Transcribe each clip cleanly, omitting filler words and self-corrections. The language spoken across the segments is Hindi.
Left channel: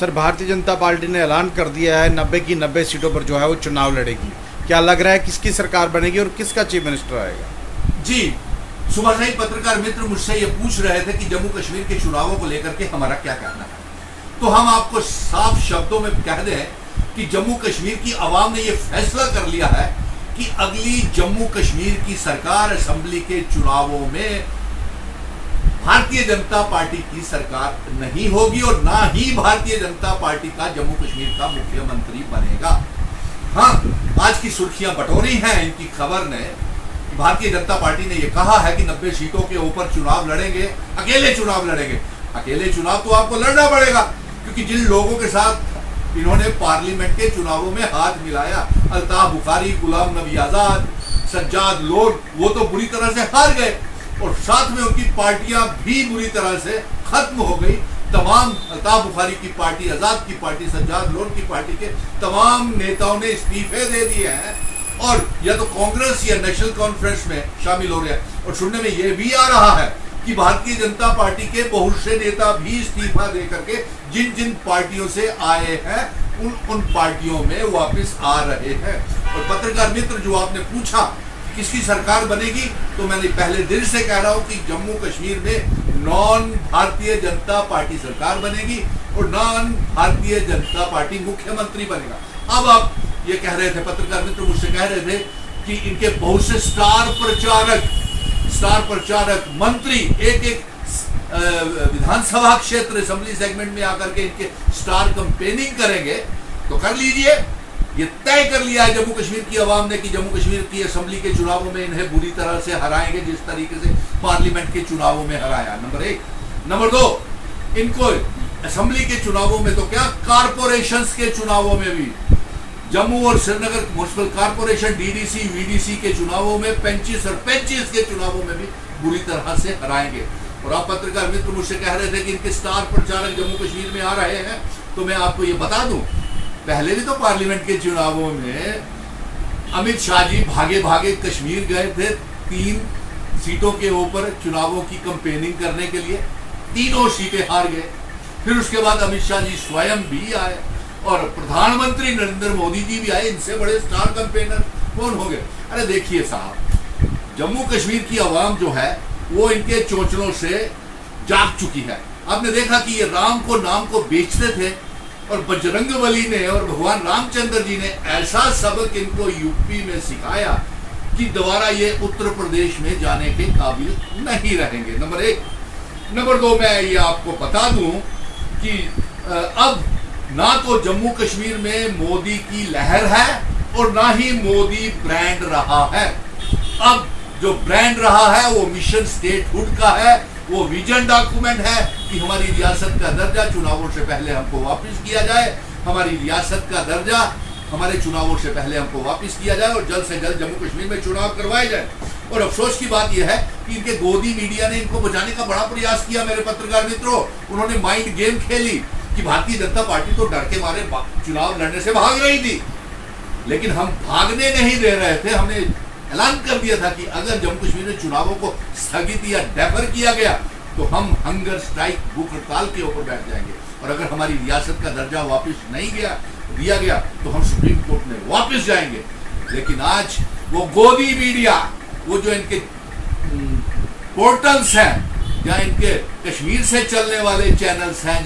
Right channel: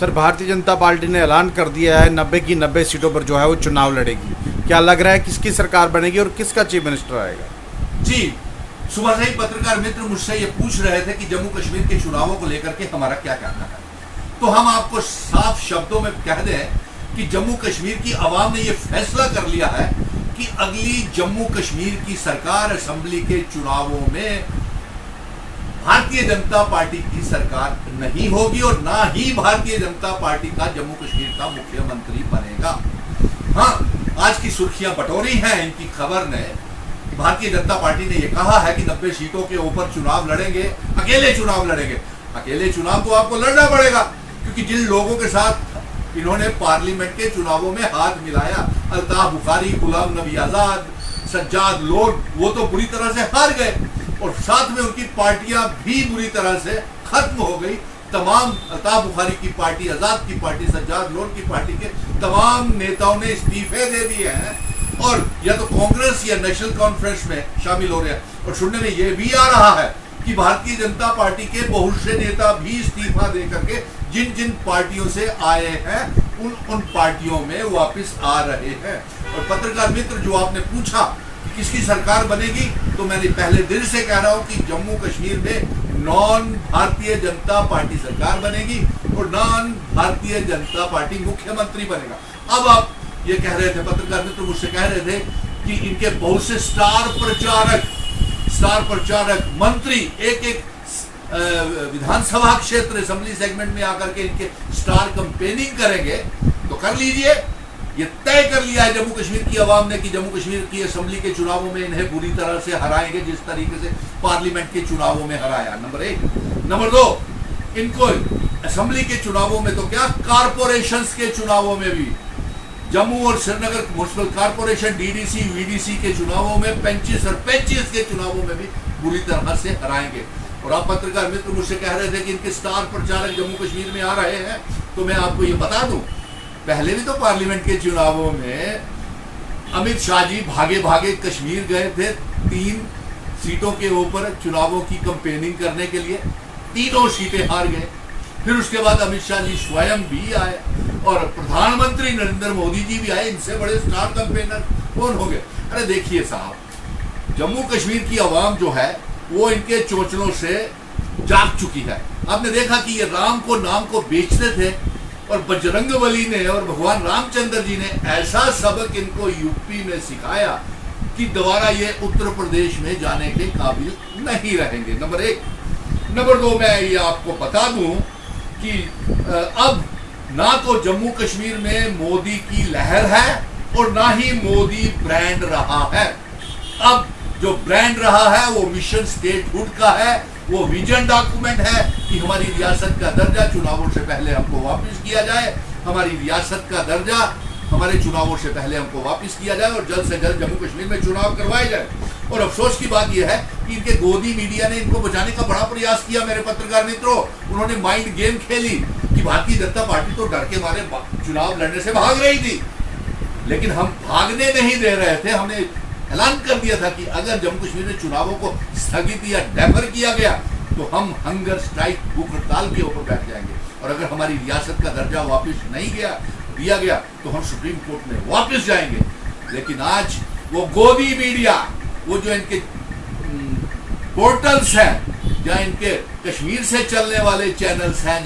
सर, भारतीय जनता पार्टी ने ऐलान कर दिया है 90 की 90 सीटों पर जो है वो चुनाव लड़ेगी। क्या लग रहा है किसकी सरकार बनेगी और किसका चीफ मिनिस्टर आएगा? जी, सुबह से ही पत्रकार मित्र मुझसे ये पूछ रहे थे कि जम्मू कश्मीर के चुनावों को लेकर के हमारा क्या कहना है। तो हम आपको साफ शब्दों में कह दें कि जम्मू कश्मीर की आवाम ने ये फैसला कर लिया है कि अगली जम्मू कश्मीर की सरकार असेंबली के चुनावों में भारतीय जनता पार्टी की सरकार नहीं होगी और ना ही भारतीय जनता पार्टी का जम्मू कश्मीर का मुख्यमंत्री बनेगा। हाँ, आज की सुर्खियां बटोरी हैं इनकी खबर ने कि भारतीय जनता पार्टी ने यह कहा है कि 90 सीटों के ऊपर चुनाव लड़ेंगे, अकेले चुनाव लड़ेंगे। अकेले चुनाव तो आपको लड़ना पड़ेगा, क्योंकि जिन लोगों के साथ इन्होंने पार्लियामेंट के चुनावों में हाथ मिलाया, अल्ताफ बुखारी, गुलाम नबी आजाद, सज्जाद लोन, वो तो बुरी तरह से हार गए और साथ में उनकी पार्टियां भी बुरी तरह से खत्म हो गई। तमाम अल्ताफ बुखारी की पार्टी, आजाद की पार्टी, सज्जाद लोन की पार्टी के तमाम नेताओं ने इस्तीफे दे दिए हैं और या तो कांग्रेस या नेशनल कॉन्फ्रेंस में शामिल हो रहे हैं। और सुनने में यह भी आ रहा है कि भारतीय जनता पार्टी के बहुत से नेता भी इस्तीफा दे करके जिन जिन पार्टियों से आए हैं उन पार्टियों में वापस आ रहे हैं। और पत्रकार मित्र, जो आपने पूछा कि किसकी सरकार बनेगी, तो मैंने पहले दिन से कह रहा हूं कि जम्मू कश्मीर में नॉन भारतीय जनता पार्टी सरकार बनेगी और नॉन भारतीय जनता पार्टी मुख्यमंत्री बनेगा। अब आप ये कह रहे थे, पत्रकार मित्र मुझसे कह रहे थे कि इनके बहुत से स्टार प्रचारक मंत्री एक विधानसभा क्षेत्र असेंबली सेगमेंट में आकर के इनके स्टार कैंपेनिंग करेंगे। तो कर लीजिए, ये तय कर लिया है जम्मू कश्मीर की आवाम ने कि जम्मू कश्मीर की असेंबली के चुनावों में इन्हें बुरी तरह से हराएंगे, जिस तरीके से पार्लियामेंट के चुनावों में हराया। नंबर 1। नंबर 2, इनको असेंबली के चुनावों में तो क्या, कारपोरेशंस के चुनावों में भी, जम्मू और Srinagar municipal corporation, DDC, VDC के चुनावों में 35 और 25 के चुनावों में भी बुरी तरह से हराएंगे। और आप पत्रकार मित्र मुझसे कह रहे थे कि इनके स्टार प्रचारक जम्मू कश्मीर में आ रहे हैं, तो मैं आपको ये बता दूं, पहले भी तो पार्लियामेंट के चुनावों में अमित शाह जी भागे भागे कश्मीर गए थे 3 सीटों के ऊपर चुनावों की कैंपेनिंग करने के लिए, तीनों सीटें हार गए। फिर उसके बाद अमित शाह जी स्वयं भी आए और प्रधानमंत्री नरेंद्र मोदी जी भी आए। इनसे बड़े स्टार कैंपेनर कौन हो गए? अरे देखिए साहब, जम्मू कश्मीर की आवाम जो है वो इनके चोंचलों से जाग चुकी है। आपने देखा कि ये राम को नाम को बेचते थे और बजरंगबली ने और भगवान रामचंद्र जी ने ऐसा सबक इनको यूपी में सिखाया कि दोबारा ये उत्तर प्रदेश में जाने के काबिल नहीं रहेंगे। नंबर 1। नंबर 2, मैं ये आपको बता दूं कि अब ना तो जम्मू कश्मीर में मोदी की लहर है और ना ही मोदी ब्रांड रहा है। अब जो ब्रांड रहा है वो मिशन स्टेटहुड का है, वो विजन डॉक्यूमेंट है कि हमारी रियासत का दर्जा चुनावों से पहले हमको वापस किया जाए, हमारी रियासत का दर्जा हमारे चुनावों से पहले हमको वापस किया जाए और जल्द से जल्द जम्मू कश्मीर में चुनाव करवाए जाए। और अफसोस की बात यह है कि इनके गोदी मीडिया ने इनको बचाने का बड़ा प्रयास किया। मेरे पत्रकार मित्रों, उन्होंने माइंड गेम खेली कि भारतीय जनता पार्टी तो डर के मारे चुनाव लड़ने से भाग रही थी, लेकिन हम भागने नहीं दे रहे थे। हमने ऐलान कर दिया था कि अगर जम्मू कश्मीर में चुनावों को स्थगित या डेफर किया गया तो हम हंगर स्ट्राइक, भूख हड़ताल के ऊपर बैठ जाएंगे और अगर हमारी रियासत का दर्जा वापस नहीं दिया गया तो हम सुप्रीम कोर्ट में वापस जाएंगे। लेकिन आज वो गोदी मीडिया, वो जो इनके पोर्टल्स हैं, या इनके कश्मीर से चलने वाले चैनल्स हैं,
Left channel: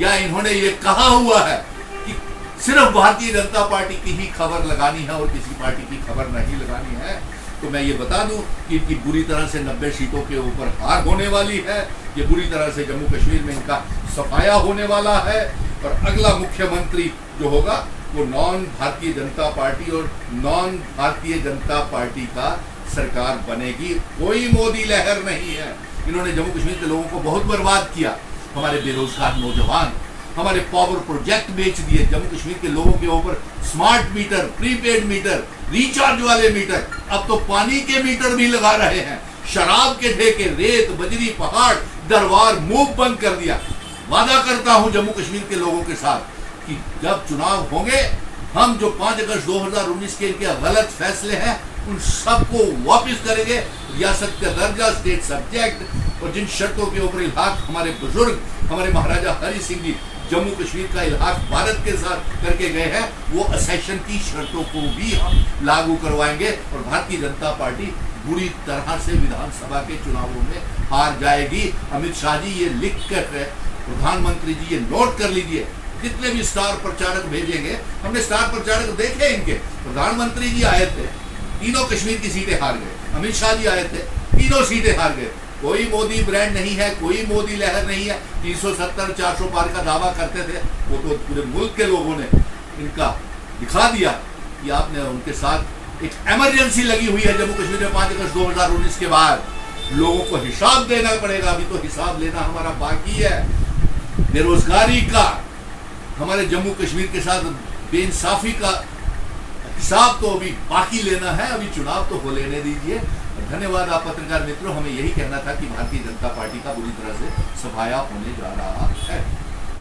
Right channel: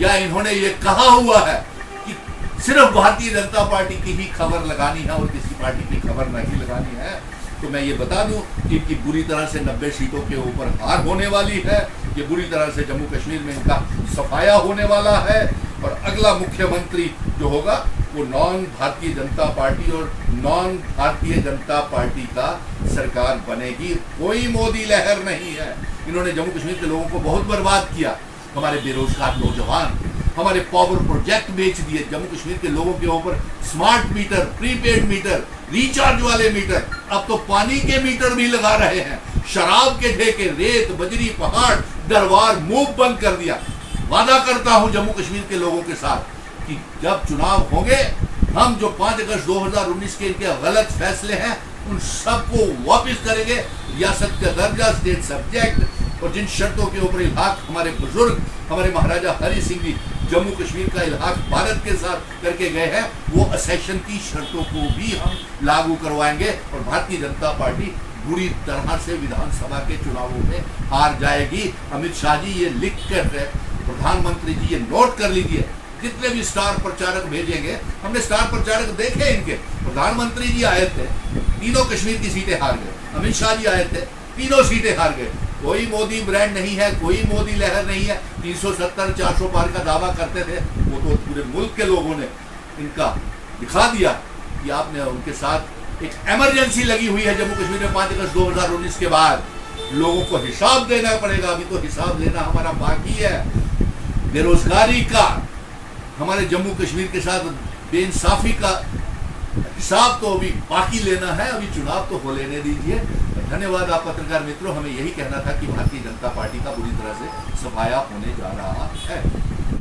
या इन्होंने ये कहा हुआ है कि सिर्फ भारतीय जनता पार्टी की ही खबर लगानी है और किसी पार्टी की खबर नहीं लगानी है, तो मैं ये बता दूं कि इनकी बुरी तरह से 90 सीटों के ऊपर हार होने वाली है। ये बुरी तरह से जम्मू कश्मीर में इनका सफाया होने वाला है और अगला मुख्यमंत्री जो होगा वो नॉन भारतीय जनता पार्टी और नॉन भारतीय जनता पार्टी का सरकार बनेगी। कोई मोदी लहर नहीं है। इन्होंने जम्मू कश्मीर के लोगों को बहुत बर्बाद किया। हमारे बेरोजगार नौजवान, हमारे पावर प्रोजेक्ट बेच दिए। जम्मू कश्मीर के लोगों के ऊपर smart meter, prepaid meter, recharge वाले मीटर, अब तो पानी के मीटर भी लगा रहे हैं। शराब के ठेके, रेत, बजरी, पहाड़, दरबार, मुंह बंद कर दिया। वादा करता हूं जम्मू कश्मीर के लोगों के साथ कि जब चुनाव होंगे, हम जो 5 अगस्त 2019 के इनके गलत फैसले हैं उन सबको वापस करेंगे। रियासत का दर्जा, स्टेट सब्जेक्ट और जिन शर्तों के ऊपर इलाक हमारे बुजुर्ग, हमारे महाराजा हरि सिंह जी जम्मू कश्मीर का इलाहाक भारत के साथ करके गए हैं, वो असेशन की शर्तों को भी हम लागू करवाएंगे और भारतीय जनता पार्टी बुरी तरह से विधानसभा के चुनावों में हार जाएगी। अमित शाह जी ये लिख कर, प्रधानमंत्री जी ये नोट कर लीजिए, जितने भी स्टार प्रचारक भेजेंगे, हमने स्टार प्रचारक देखे इनके, प्रधानमंत्री जी आए थे, तीनों कश्मीर की सीटें हार गए, अमित शाह जी आए थे, तीनों सीटें हार गए। कोई मोदी ब्रांड नहीं है, कोई मोदी लहर नहीं है। 370 400 पार का दावा करते थे, वो तो पूरे मुल्क के लोगों ने इनका दिखा दिया कि आपने उनके साथ एक इमरजेंसी लगी हुई है जम्मू कश्मीर में 5 अगस्त 2019 के बाद। लोगों को हिसाब देना पड़ेगा, अभी तो हिसाब लेना हमारा बाकी है। बेरोजगारी का, हमारे जम्मू कश्मीर के साथ बेइंसाफी का हिसाब तो अभी बाकी लेना है, अभी चुनाव तो हो लेने दीजिए। धन्यवाद आप पत्रकार मित्रों, हमें यही कहना था कि भारतीय जनता पार्टी का बुरी तरह से सफाया होने जा रहा है।